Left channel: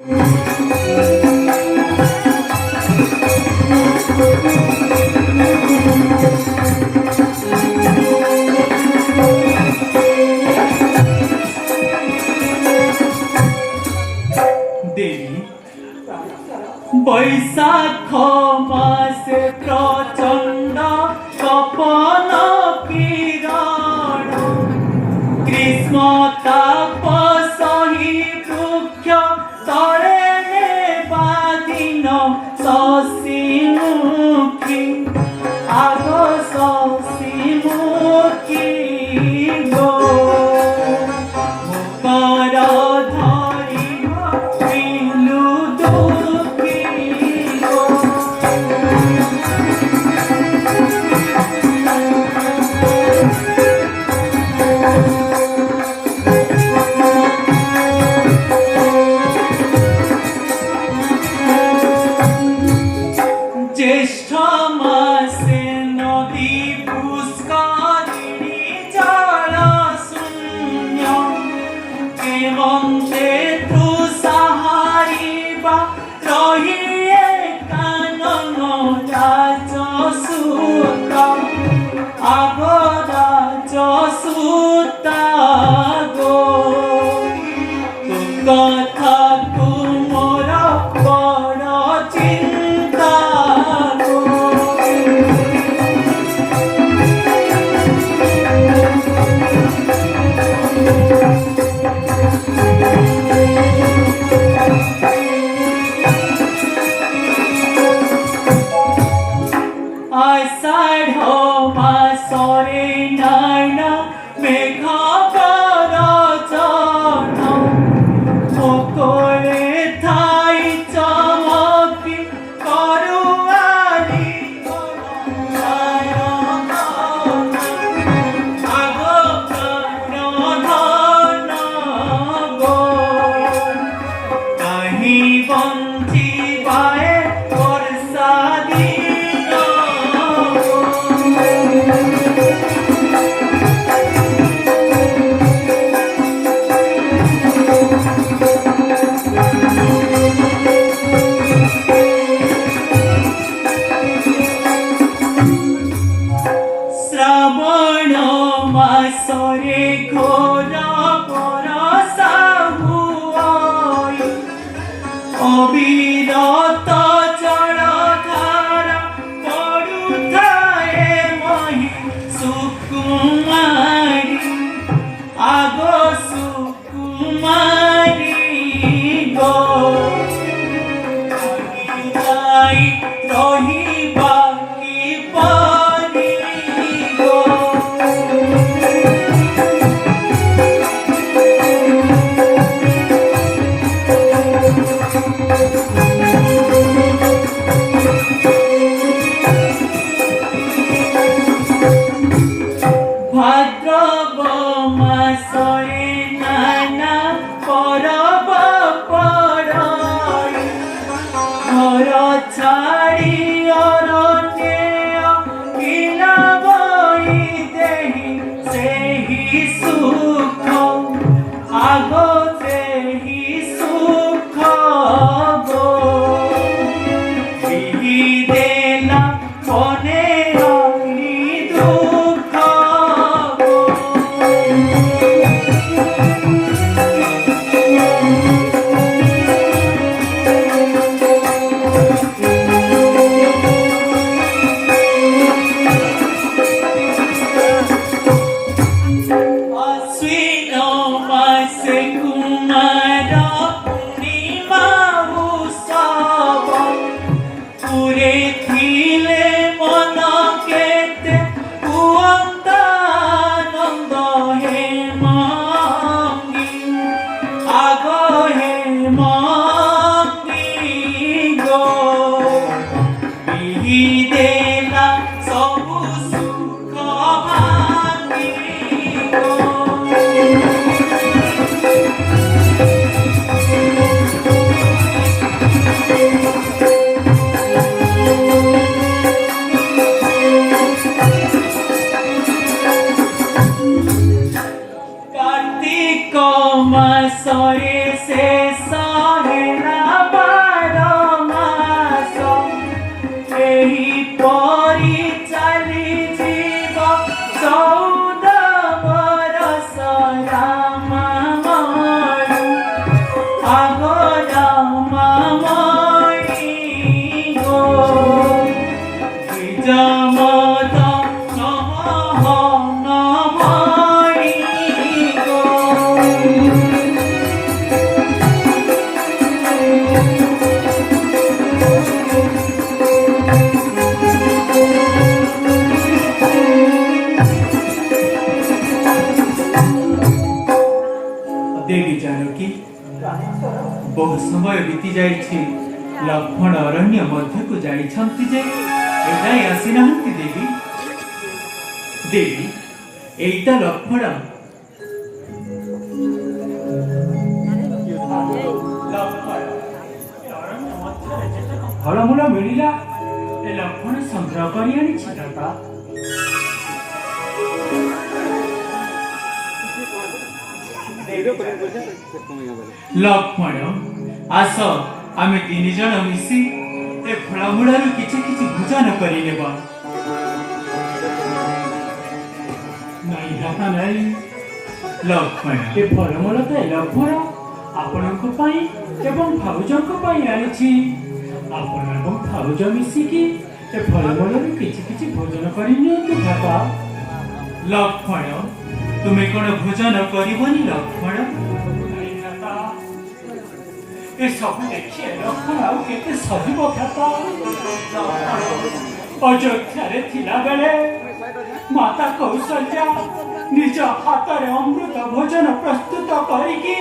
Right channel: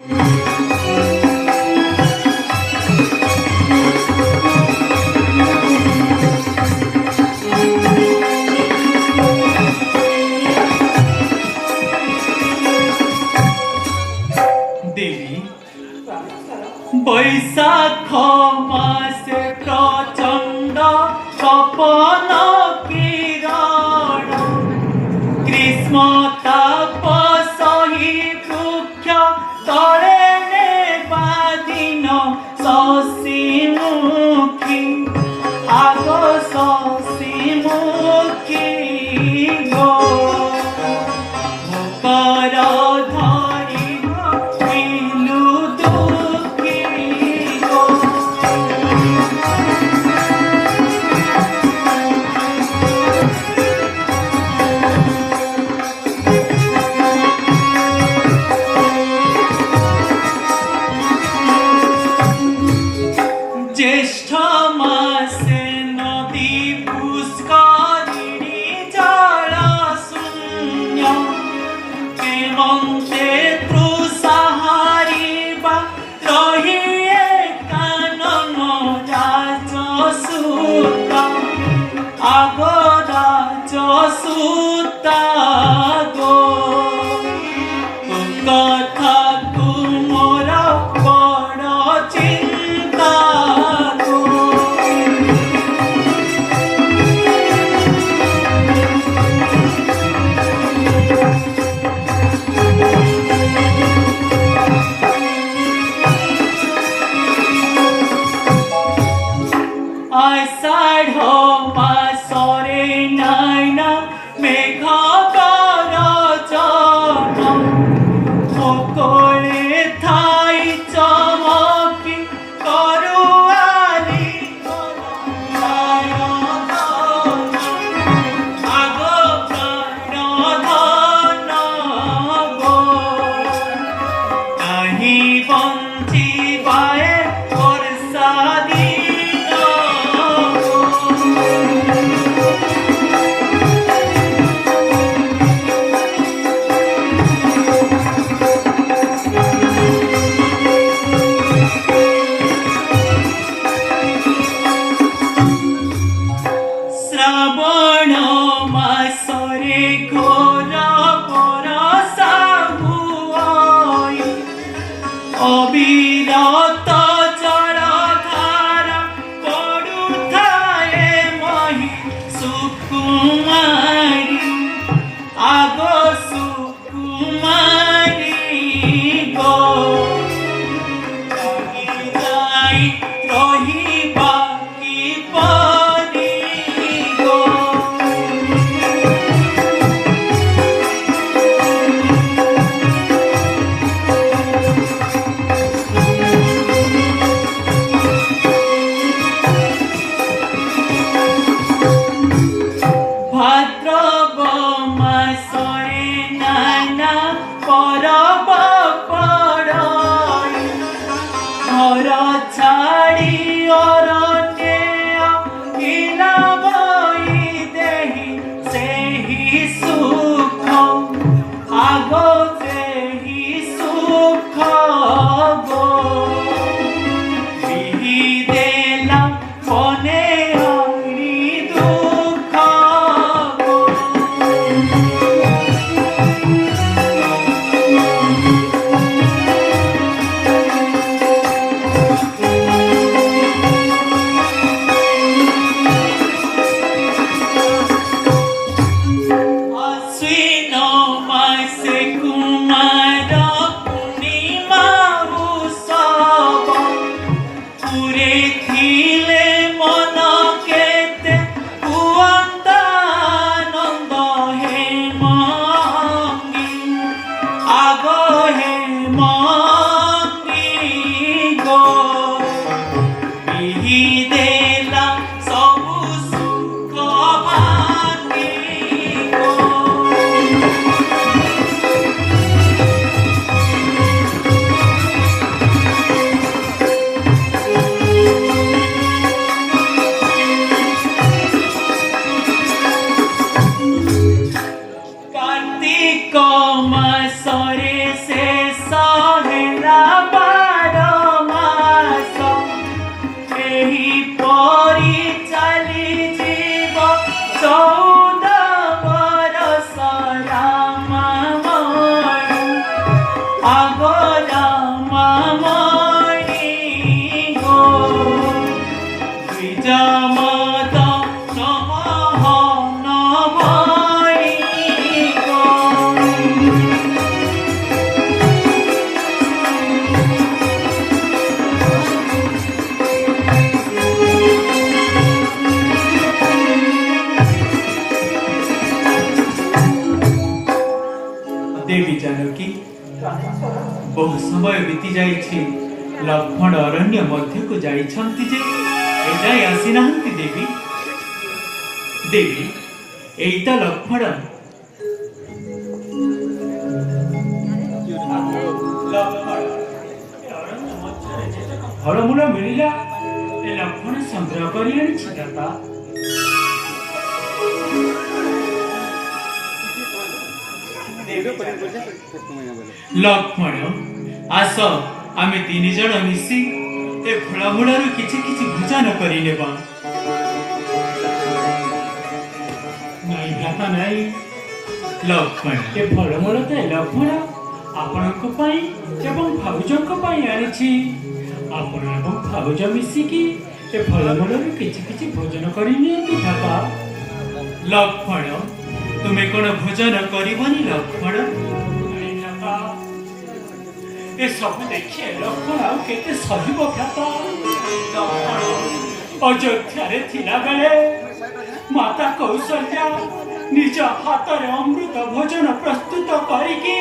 দেবী, বৈশাখ মাসে প্রচণ্ড তপন কিরণ, গ্রীষ্ম তাপ সহি বৃক্ষ তଳେ নেবাদিন শশীমুখী, আগ শশীমুখী গো মুখর ধরিব বিলু দুঃখী গো। জ্যেষ্ঠ মাসে নদী পুষ্করিণী জল শূন্য, হেমন্তে তৃষাহারিবা রহিয়ে কানন রাজসূত, আগ রাজসূত গো কথা তুমর বড় চিন্তা গো। আষাঢ় মাসরে নাইনা মেঘ গরজন, সকলে ঠাই চমকি করুয়ালি আগ প্রাণধন গো কাহি বঞ্চিবায়ে বর্ষা দিন শ্রাবণ মাসরে ঘোর বরষা হুয়, অবিরত জলধারা পড়ুথায়ে মহি সুকুমারী, আগ সুকুমারী গো যাই রহিবা কিপরি গো। बहु समय बीती जाइछि लक्ष्मण अरण्य मध्य को जाइछन्ति जे एजाए आसी नाहंती देवी देवी एइता लक्ष्मण फलमूल मिलिला ए लक्ष्मण संग्रह करी आनिछि दाता लक्ष्मण आस आमे तीन जण मिसी ए फलमूलर किछि किछि भोजन करि नेबा नहीं दाता नहीं लक्ष्मण ए फलमूल त लक्ष्मण आपणक पई एवं भाउजक पई आनिछि आपण एवं भाउज मिसिकी ए फलमूलर किछि किछि भोजन करि नियंतु दाता लक्ष्मण तुमे कोन भोजन करिबनी लक्ष्मण नहीं दाता ए सब देखिए लक्ष्मण आउ केते सहिब भ्राता अयोध्या रे थिला बेले माता कौशल्या निज हाथ रे अमृत भोजन प्रस्तुत करिकी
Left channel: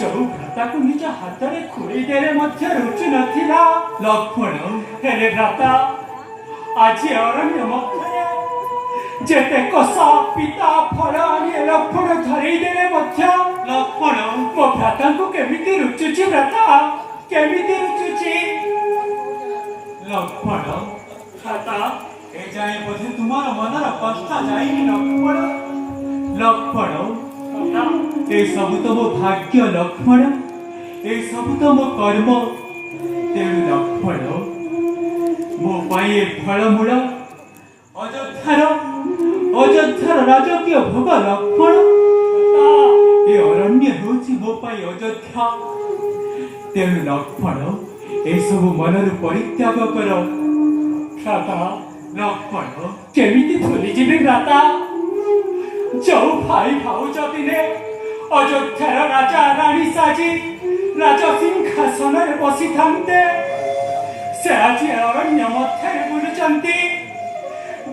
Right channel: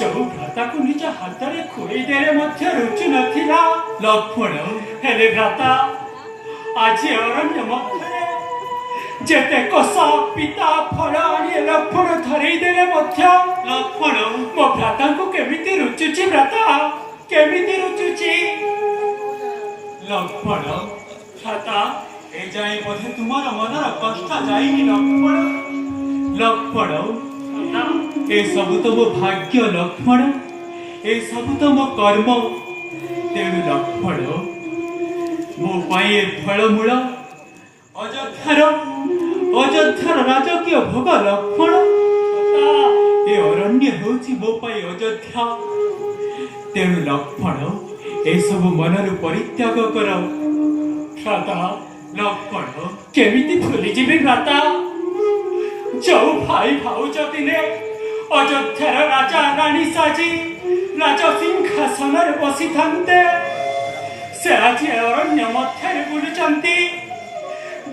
जो भ्राता को निज हाथ रे खुई देले मध्य रुचि नथिला लक्ष्मण हेले भ्राता आज अरण्य मध्य जेते कसा पिता फल आनी लक्ष्मण धरई देले मध्य लक्ष्मण मो भ्राता को केमिति रुचुची भ्राता केमिति रुचुची लक्ष्मण भ्राता ए जाई बोधे तुमार मनर कष्ट जाईनी लक्ष्मण लक्ष्मण ए सब तो मो भाग्य लक्ष्मण ए सब तो मो कर्म तेणु लक्ष्मण मो पाई ए फलमूल अयोध्यार राजकीय भोग लक्ष्मण ए अरण्य होछि मो पाई अयोध्या तेणु लक्ष्मण ए सब मनरु परित्याग कर भ्राता लक्ष्मण केमिति भूली जीवी भ्राता जो भाई भाउज दिने अयोध्यार राजा रानी साजी राज सिंहासन रे बसी थांते से आज अरण्य मध्य बुलुचंती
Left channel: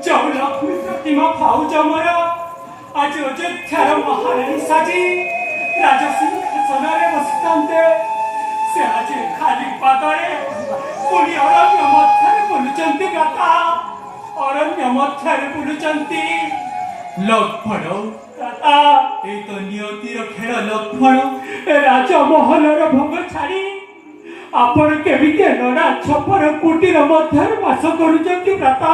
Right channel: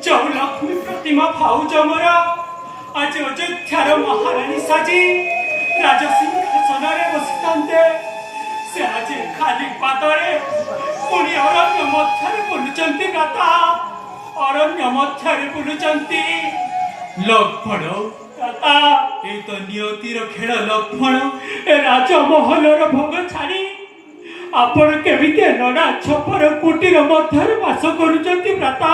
जो लक्ष्मी प्रतिमा भाउज मोर आज अयोध्यार महारानी साजी राज सिंहासन रे बसी थांते से आज खाली पादरे पुणी अरण्य मध्य बुलुचंती भ्राता अरण्य मध्य बुलुचंती लक्ष्मण दाता ए तो नियतिर खेल लक्ष्मण ए राजमहलर भोग छाड़ी आपण केमिति नडा छपर कुटीर मध्य वास करूचंती भ्राता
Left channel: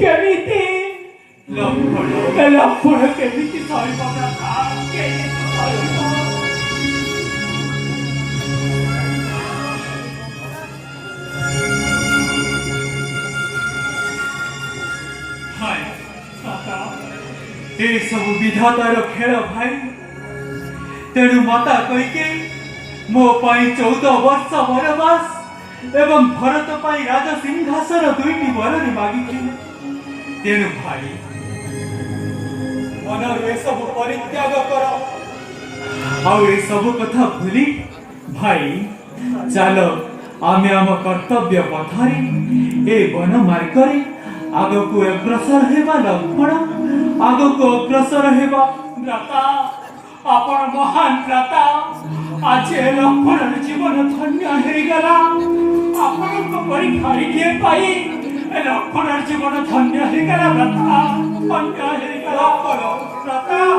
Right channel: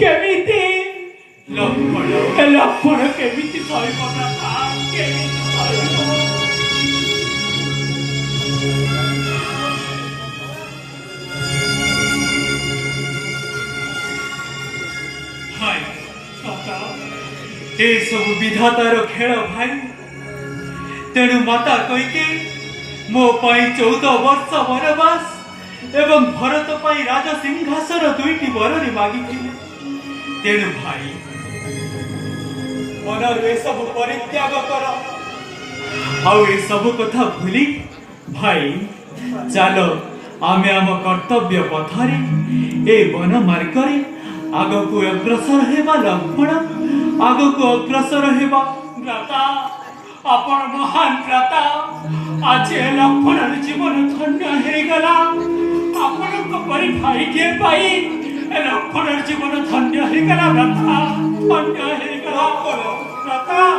केमिति लक्ष्मण केमिति सहिब भ्राता केमिति सहिब ए सब विधातार खेल भाई तेणु माता कईके मो पाई 14 वर्ष वनवास एवं भरत पाई राज सिंहासन दुईटी वरनी मागिथिले तेणु भाई मनर ए सब परित्याग कर आउ ए सब कथा भूली भाई चलो आमे आम कर्तव्य पथरे ए वन मार्गरे आगको अग्रसर हेबा लक्ष्मण आगको अग्रसर हेबा भ्राता आपण महान भ्राता आज लक्ष्मण जीवन धन्य हे गला आपण को परि भाई के पाई लक्ष्मण जीवन धन्य हे गला भ्राता धन्य हे गला भ्राता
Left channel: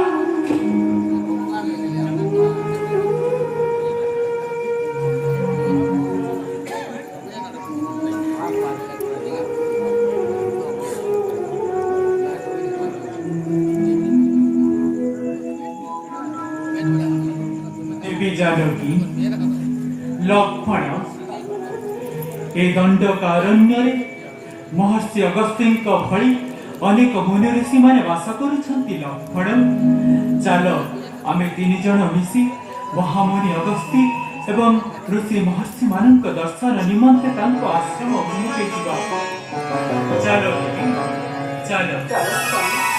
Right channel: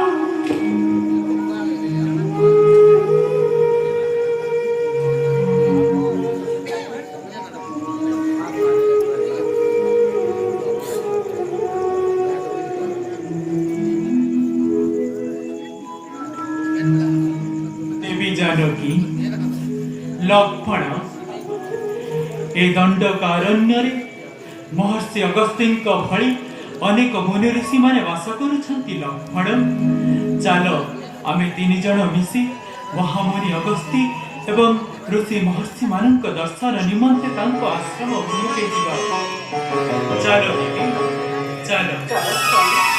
जानकी लक्ष्मण ए दंडकारण्य रे महर्षि अगस्त्यଙ୍କ भଳି अनेक मुनि ऋषि माने वास करूछंती लक्ष्मण चलो आमे तीन जण मिसी महामुनि अगस्त्य एवं ऋषि महर्षि मानक दर्शन निमंते तांको आश्रम अभिमुखे जीवा चलो देवी चलो